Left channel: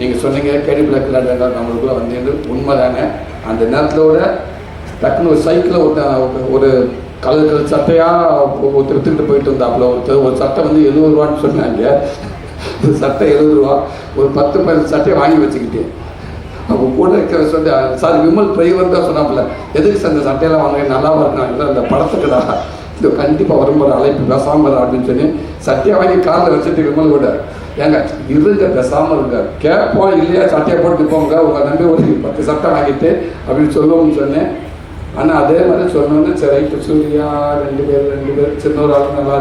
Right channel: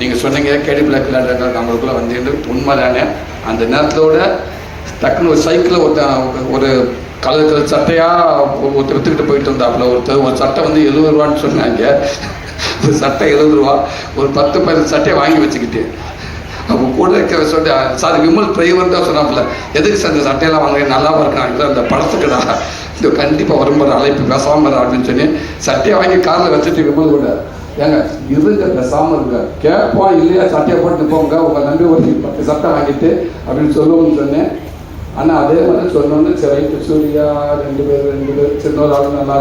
நீங்கள் சொன்னீங்க கேடி பிளாக் விளையாடுற நம்மளுக்குள்ள வந்து உண்மை தானே அந்த நேரத்தோட டக்குன்னு ஒரு சைக்கிளில் ஒருத்தன் ஒரு கலர் கலர் சட்டையாக ஒருத்தர் விற்றுக்கிட்டு போயிட்டு இருந்தாப்புல ஒருத்தர் ஒரு சட்டை வந்து எழுபது ரூபான்னு சொன்னாங்க. ஒரு சட்டை எழுபது ரூபா ஒரு பத்து பதினஞ்சு சட்டையை வாங்கி வச்சுக்கிட்டு. அப்போ கூட இருக்கிற சொல்லிட்டு சார் விமல் டிரைவர் தான் சொன்னாப்புல. எதுக்கு சார் இந்த சட்டையெல்லாம் வாங்க நல்லா இருக்காங்க அந்த படத்துக்குடா இந்த கண்டிப்பாக வரும்போது அழைப்பு பேசாமல் அப்படின்னு சொல்லி சட்டையை வாங்கி காரில் வச்சுட்டு விமலோட ஏங்க இருங்க பேசாமல் இருங்க. கேட்போம் இல்லையா சட்டையை போட்டு போங்க. உங்கள் நம்பி ஒரு பத்து சட்டை ஆகிட்டு அப்படின்னு சொல்லுவோம்னு சொன்னேன். ஆனால் அதே மாதிரி சொல்லணும்னு சரி ரைட்டு சூர்யா ரெண்டு பேர் ரெண்டு பேர் சின்னோர் ஆளும் நல்லா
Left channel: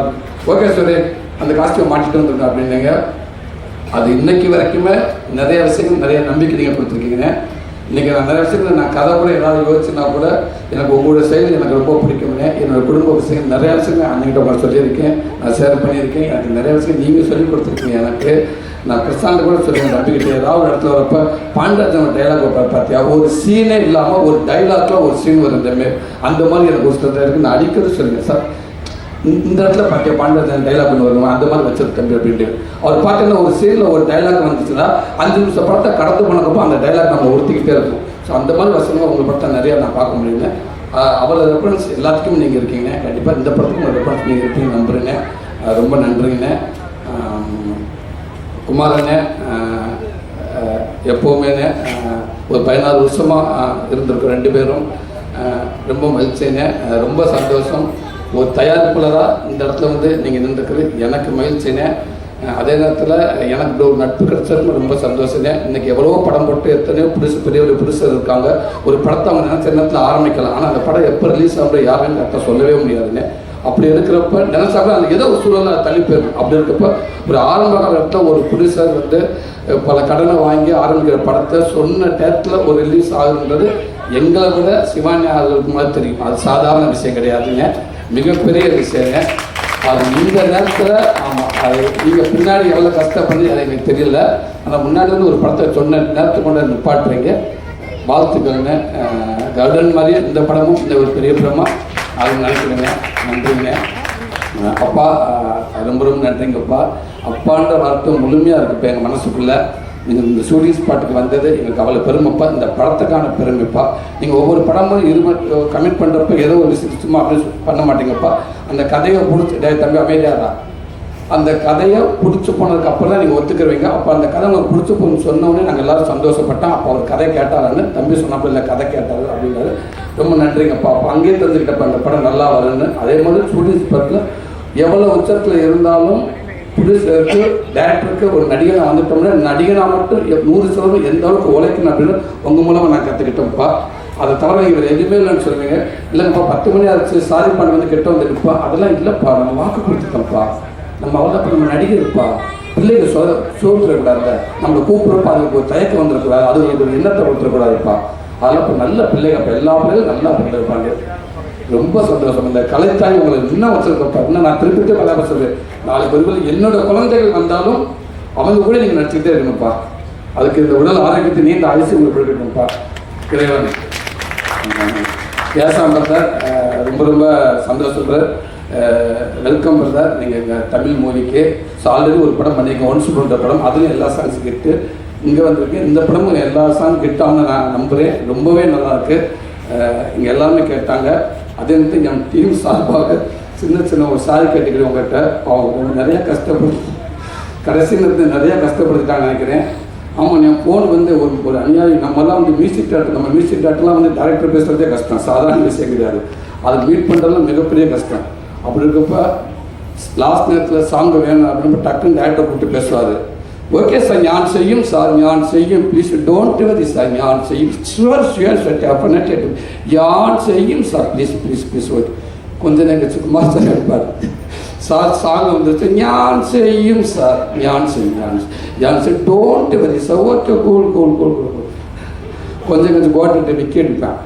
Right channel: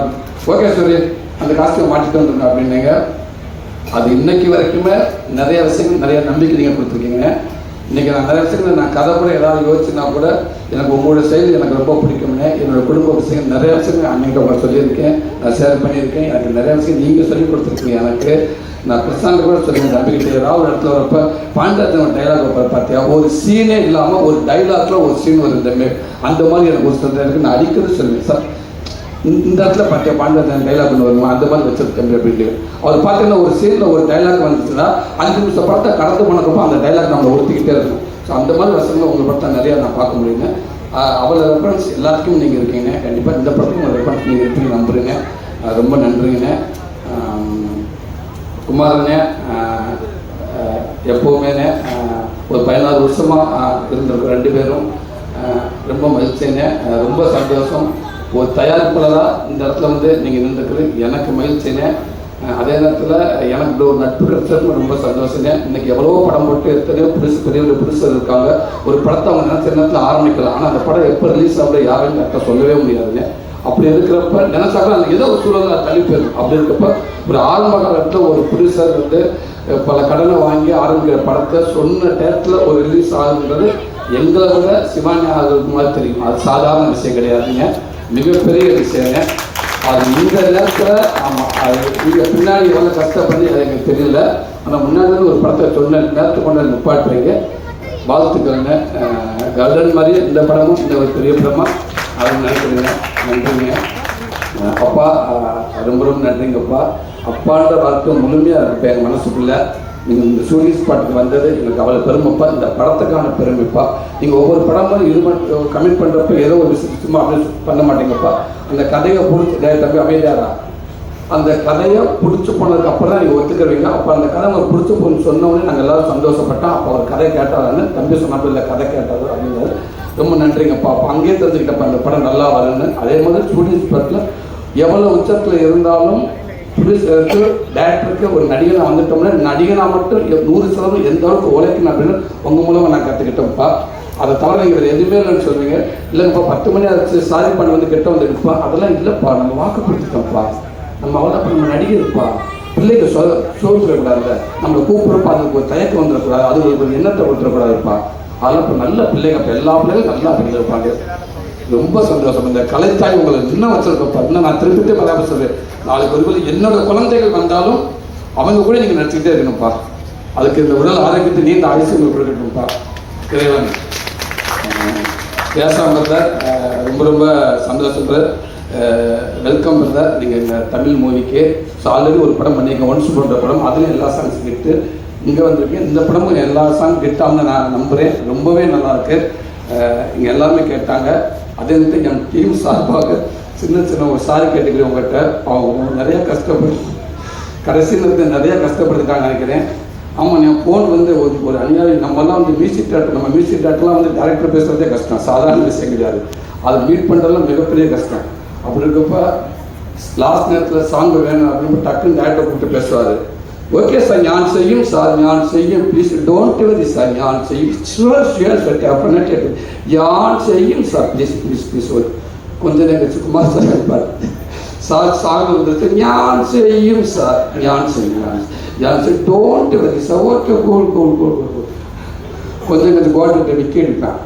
ஓகே சூரிய அந்த காஸ்டியூம் மாட்டிட்டு வந்துருங்க அப்படின்னுங்க அது இன்னைக்கு வரைக்குமே நிறைய விஷயங்கள் நிறைய நம்பிக்கை நீங்கள் கொடுத்துருக்கீங்க. இன்னைக்கு நான் நிறைய விஷயங்கள் நான் கதை கூட ஏதாவது யோசிச்சுனா கூட எனக்கு உங்களுடைய செயல் எனக்கு ரொம்ப பிடிக்குங்க என்னோட குடும்ப விஷயம் நிறைய விஷயங்கள் அன்னைக்கு உங்களை சொல்லியிருக்கேன். நான் ஷேர் பண்ணியிருக்கேன். எனக்கு நிறைய விஷயம் நீங்கள் சொல்லி கொடுத்துருக்கீங்க எனக்கு. நான் பிரசாந்த கூட சொல்லுவேன் நம்பிக்கிட்டே ஏதாவது ஒரு இடத்துல வரப்ப பாண்டராஜன் டைலாக் வரப்ப பார்த்தியா ஒரு சீனே இல்லாமல் ஒரு டைலாக்ல ஒரு சீன் வரும் அந்த மாதிரி எனக்கு ஒரு சொல்கிறேன் நான் அடிக்கடி சொல்லுவேன் சார் இந்த இடத்துல பார்த்தியா பாண்டராஜன் டைலாக் ஒன்று வருமா? அந்த மாதிரி வச்சிருக்கேன் அப்படின்ட்டு அவர் பார்த்தீங்கன்னா ஒரு சீனில் ஒரு டைலாக் வந்துச்சுன்னா அஞ்சு நிமிஷம் படத்தை கடந்து போனதுக்கும் அந்த டைலாக் நம்ம ஒருத்திக்கிட்டே இருக்கும் ஸோ அந்த மாதிரி வசனங்கள் உங்கள் படத்தை நிறையா நான் பார்க்க முடியுங்க. அவ்வளோ ரெஃபரன்ஸ் எல்லாத்துக்கும் நீங்கள் இருக்கீங்க. கண்டிப்பாக இந்த படத்துக்கும் ஒரு ரெஃபரன்ஸ் நீங்கள் இருப்பீங்க நம்புறீங்க. ரொம்ப நன்றிங்க. ஆம், குமாரண்ணே எப்போவுமேண்ணே ஒரு பதினாறு வருஷமாக இருந்திருக்கோம் ரெண்டு பேரும். ரொம்ப மகிழ்ச்சிங்க. ரொம்ப சந்தோஷம். ஒரு தயாரிப்பாளராக இந்த இடத்துல வந்து நீங்கள் நின்றுக்கிறது எனக்கு மகிழ்ச்சினே அதே நேரத்தில் எனக்கு இப்படி ஒரு நட்பு கிடைச்சதுக்கு ரொம்ப சந்தோஷங்க இன்னைக்கு எவ்வளவோ படம் போட்டு எத்தனையோ புதுசு பெரிய ஒரு புதுசு இருக்காங்க. ஒரு படத்தை அவங்க நினைச்ச நேரத்தில் ஆரம்பிக்கலாம். ஆனால் அந்த படம் எப்போ ரிலீஸ் ஆகுது யாருன்னு கரெக்டாக சொல்லவே முடியாதுங்க அப்படி இருக்கிறப்ப நினைச்சாக்க அந்த ஏதோ ஒரு சூழலை தள்ளி போயிடும். அப்படி இருக்கப்ப ஒரு ஆரம்ப காலத்தில் ஒரு புதுசாக வந்து பல கடனை வாங்கி ஆரம்பிக்கிற படத்தை சொன்ன டேட்டில் ஒரு ரிலீஸ் ஆகுன்றது எங்களை விட சிவானி ஆகுறதுக்கு மாதிரி தெரியும். அது சாதாரண விஷயம் கிடையாதுங்க. மிகப்பெரிய விஷயங்க. அது இந்த நேரத்தில் ஆமாம் அது நீங்கள் பின்னாடி எவ்வளோ கஷ்டப்பட்டு எனக்கு தெரியல. ஆனால் முன்னாடி ஒரு படத்தை சொன்ன நேரத்தை கொண்டு நிப்பாட்டுறீங்க. வாழ்த்துக்கோங்க அஹ், மாதிரி மாதிரியே இந்த படமும் இந்த ஒரு பெரிய படமா அது நினைக்கிறேங்க நன்றிங்க. அப்பா ரொம்ப ரொம்ப நன்றிங்கப்பா அப்பான்ற வார்த்தை முழுமையாக இருப்பேன் எங்கள் மனசுக்குள்ள. நீங்கள் இந்த ஸ்டூடியோ ஸ்பாட்டுக்கு வந்தது எங்களுக்கு அவ்வளோ பெருமைப்பா இந்த படத்துக்கான பெருமைப்பா. நீங்கள் ஒவ்வொரு படமும் இது கமெண்ட் பண்ணுறப்ப ஏதோ ஒரு விஷயம் சும்மா அப்படி பண்ண மாட்டீங்கப்பா. அந்த கதையை பிடிச்சி டேய் தம்பி அமைதியாரா அந்த கதையை பிடிச்சி போனதுக்கு அப்புறம் தான் நீங்கள் ஒத்துக்கிறவீங்க அப்போ அந்த கதை உங்களுக்கு பிடிச்சி போன்னு சொன்னோடனே நாங்கள் எல்லாரும் சந்தோஷப்பட்டோம். அப்போ அவர் கதை கேட்டாரான்னு தம்பி சொன்னப்போ இல்லை கதை கேட்டாரு அப்படிங்கிறது ரொம்ப நன்றிங்கப்பா. அப்போ அங்கேயே தெரிஞ்சுக்கிட்டப்ப அந்த படம் நல்லா வரும்னு. அதே மாதிரி ஸ்டூடியோஸ் படத்தில் எவ்வளோ உச்சத்தில் இருந்தாலும் ப்ரொடியூசருக்கு டேரக்டருக்கு ஒரு நடிகனாக வந்துட்டோம்னா நடிகனாக மட்டும் நூறு சதவீதம் எந்த அளவுக்கு உழைக்கணும் அப்படின்னு உங்கள் மூலமாக நான் கற்றுக்கிட்டேன்ப்பா அதை தவிர இவர் எதுவுமே இல்லைன்னு சொல்றீங்க. இல்லைப்பா பத்து மணி ஆச்சு சாரி பண்ணி வந்து கெட்ட வந்துருப்பா அதெல்லாம் இல்லைப்பா நம்ம வாக்கு கொடுத்துட்டோம்ப்பா. நம்ம அவ்வளோ நம்ம நடிகர்ப்பா. பிள்ளைங்க சொ சோர்ந்துடக்கூடாது நம்மளை கூப்பிடுறப்ப அதுக்கு ஒரு தயக்கம் வந்துடக்கூடாது அது ஒரு எண்ணத்தை விட்டுறக்கூடாதுப்பா அதெல்லாம் இப்போ நல்ல பிள்ளைங்க இப்போ எல்லா பிள்ளைகளும் நல்லா பண்ணியிருப்பாங்க ரொம்ப சந்தோஷம். இந்த கலைத்தாய் உங்களை இன்னும் வச்சிருக்கப்பா இன்னும் நான் திருப்பிட்டே வராமல் சொல்றேன். நாலு ஒரு என்னோட குழந்தைகள் வந்தாலும் அவங்க கூட நீங்கள் நடிச்சுக்கிட்டே இருக்கணும்ப்பா. அதுக்கு இந்த உடல் ஆரோக்கியத்தை நீண்ட ஆயுசு உங்களுக்கு கொடுக்கணும்ப்பா. இறைவன். பேசாம பிரதர் ரொம்ப ரொம்ப சந்தோஷம் பிரதர். Welcome brother. நீங்கள் இந்த தமிழ் மூவிக்கு ஸோ ஆல்ரெடி ஒரு படம் பண்ணியிருக்கேன் ஒன்ஸ் போன்ற படம். அதுலேயும் எல்லா சாங்ஸ் கெட்டு இங்கே வந்திருக்கேன். இந்த படமும் எல்லா சாங் கெட்டாமல் நான் நம்புகிறேன் ரொம்பவே நல்லா இருக்குது இங்கே எல்லாமே கேட்டாங்க. அதே வந்து என் டீம் சார்பாக சின்ன சின்ன ஒரு சாரி கேட்டுக்கிறேன் உங்கள்கிட்ட அவங்க நிறைய கஷ்டப்பட்டு கடைசியில் இருந்து நிறைய கஷ்டப்படுத்திட்டாங்க நினைக்கிறேன். ஆமாம் என் ஃபோன் வந்து ஒரு ஒரு அநியாயி நம்மலாம் வந்து மியூசிக் டேரக்டர் நம்ம மியூசிக் டேரக்டர்லாம் வந்து டேரக்டர் பேசுகிறதே கஷ்டம். சாதாரண விஷயம் கிடையாது. அதை மீட் பண்ணுறதுலாம் மிகப்பெரிய கஷ்டம். அப்படி இருக்கப்ப லாஸ்ட் நேரத்தில் சாங் வேணும் அப்படின்னு டக்குன்னு டேரக்டர் கூப்பிட்டு பேசுவார். ஓகே சார் ஞான் செய்யும் சார் ஞான் செய்யும் ப்ளீஸ் டோன்ட் வதி சார் ஞான் செய்யும் ஷுவர் ஷுவர் சார் அப்படின்னா கேட்டு யான் செய்யும் sir please please please okay கொஞ்ச நேரம் கழிச்சு சார் இருப்பார் சார் சாங் வந்துருச்சு ஞான் செய்யும் சார் ஞான் செய்யும் ஞான் ஞான் செய்யும் don't worry sir okay cool cool cool கொஞ்சம் கொஞ்சம் கோட்டை விக்கி எடுப்பேன்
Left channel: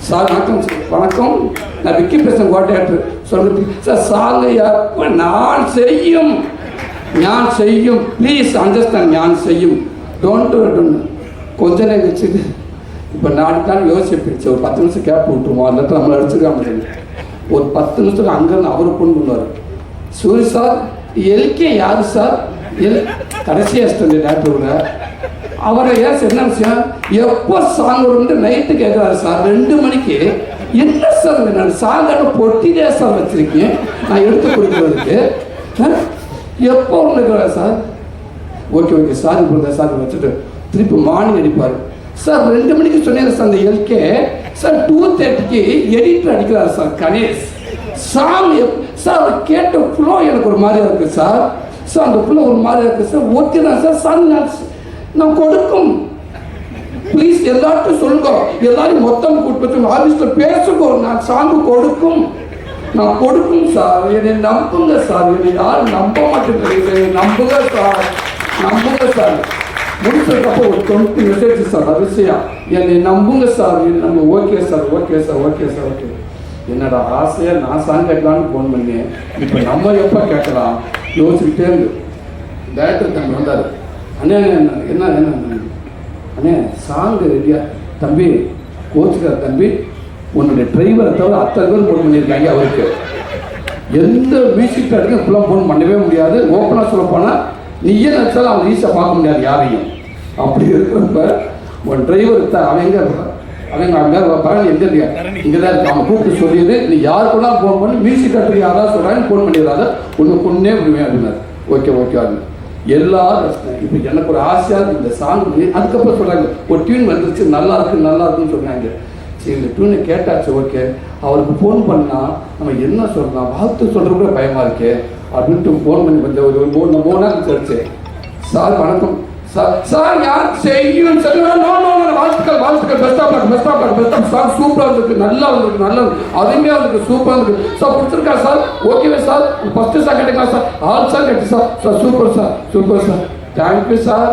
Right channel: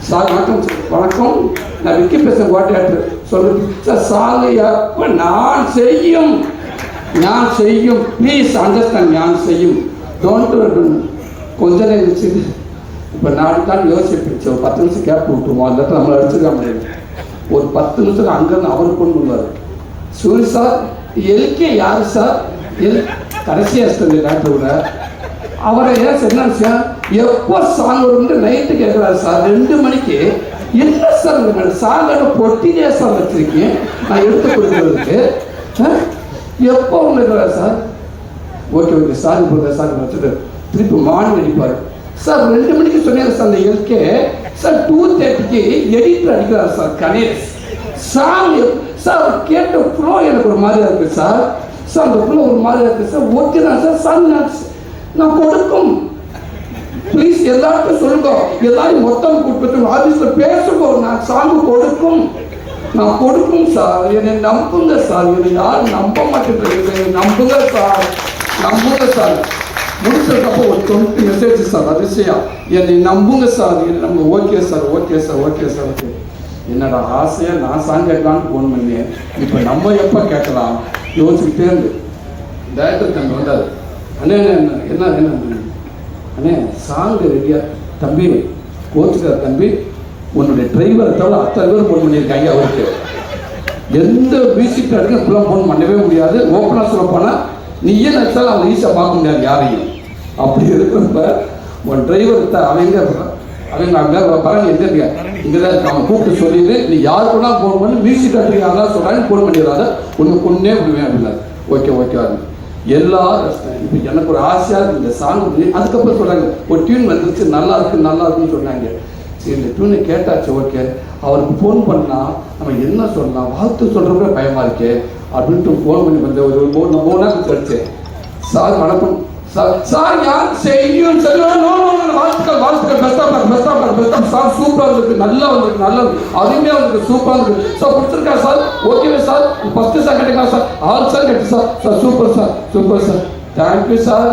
சார் வணக்கம் சார் வணக்கம் நான் விக்கி பேசுகிறேன் கோட்டையாட்டு சொல்லு சார் சாலையா நான் செய்யும் ஞான் செய்யும் ப்ளீஸ் அண்டர்ஸ்டாண்ட் ஞான் செய்யும் டோன்ட் கொஞ்ச நேரம் கழிச்சு இப்போ நான் நாள் யோசிப்பேன் ஒரு பத்து நிமிஷம் கேப் விட்டுருவோம் அந்த இடத்துல நம்மளை அடிச்சுக்க முடியாது ஒரு பத்து நிமிஷத்துக்கு அங்கேருந்து அவர் கொண்டு வருவார் சூரி சார் எல்கே யார் சார் எல் கடைசி சொல்லி டாக்டரோட அவரை ஏன் என்ன விஷயம் எப்போ சாங் வந்து நைட்டு கேட்குறாரு சார் ரெண்டு மணிக்கு என்ன சார் நான் சாங்கோட பொட்டிலே சார் வச்சிருக்கேன் நான் எடுத்து கொடுக்குறதுக்கு எப்போ இருக்கிறார் சார்? ஓகே ஓகே சார் போங்க சார் வச்சுட்டு திருப்பி மார்னிங் அடிப்பார். சார் ரெண்டு மணிக்கு சொன்னேன் சார் அந்த எல்கே சார் டூ தேர்ட்டிக்கு எடிட்டர் அடிக்கிறார் சார் கணேஷ். சாங் சார் கேட்ட ஃப்ளோ எனக்கு ஒரு மாதிரி இருக்கு சார். சார் அந்த ஃப்ளோ ஒரு மாதிரி இருக்கு சார். ஓகே தான் சார் சார் நான் நான் கொடுக்கும். ப்ளீஸ் எல்லாருக்கும் சொல்லுங்க. எல்லாரும் மொத்தம் கூப்பிட்டு ஆஃபீஸில் பேசுங்க. நான் சாங்கு கொடுக்கும். நான் கொடுக்கும் சார் என்னை நம்புங்க சார் என்னை யாரும் நம்ப மாட்டேங்கிறீங்க நம்புங்க சார் நம்புங்க சார் முடிச்சதுக்கப்புறம் ஒரு டுவெண்ட்டி மெசேஜ் சார் அதிசயம் என்னை நம்புங்க சார் என்னை okay sir okay sir okay sir okay. என்னடா ஆசையை நான் சாங் கேட்கலான்னு ஃபோன் பண்ணேன். இப்போ நம்ம எப்போ கேட்கலாம்? யோசிச்சுக்கிட்டே இருந்து. டேரக்டர் தம்பி வந்தார். அண்ணே என்ன என்ன அண்ணே சாங் ரெடியா தம்பி கோச்சுக்கார் தம்பி உன்னுடைய டிரைவரை தவிர அத்தனை பேர் ஃபோன் பண்ணியிருக்காங்க அவருக்கு. எந்த மியூசிக் பேருக்கு இப்பெல்லாம் ஃபோன் பண்ணவே முடியாது. ஓப்பனாக சொல்ல போனால் நீயே நினச்சாலும் அவன் ஈஸியாக பார்க்க முடியாது யாரையும். அப்படி இருக்கிறப்ப உன் டிரைவர் த அவங்க அவங்க அங்கே பரவாயில்ல எங்கே இல்லையா இங்கே தான் இருக்கான் அவன் கூப்பிட்டு சொல்லிடு. நீ யாருக்குலாம் ஃபோன் பண்ணி மியூசிக் கட்டுறீங்க யாராவது சொல்கிறாங்க ஃபோன் பண்ணிடுறாங்க ஒன்று பொண்ணே விடுவேன் அப்படின்னா ஓகே ஓகே எல்லாரும் இப்போ எனக்கு ஒரு ஆசையாக இருக்கு. இந்த சாங் அதுக்கப்புறம் சொல்கிறாங்க ஒரு டியூன் வந்துருச்சு. நல்லா இருக்கு நல்லா இருக்குன்னு சொன்னாங்க இந்த டியூனை கேட்டாச்சு ஓகே. அவருக்கு ஃபோன் பண்ணா நம்ம என்ன சொல்லலாம்? வாழ்த்து சொல்கிறப்ப பயமா இருக்கே. அப்படின்ட்டு ஃபோன் பண்ணி கொஞ்சம் ஒரு மூணு மூணு நாள் கழிச்சு சார் வணக்கம். சார் சார் யார் செய்யும் சரி வாழ்த்துக்கள் வாழ்த்துக்கள். Best of luck best of sir சூப்பராக இருக்கு நல்லா வந்திருக்கு நல்லா இருக்கு அருமையாக இருக்கு சூப்பராக இருக்கு சார் பிடிச்சிருக்கா சார்? ஓகேவா sir? First செகண்டுங்களா sir? All sir sir. Sir super sir. Super sir. Thank you sir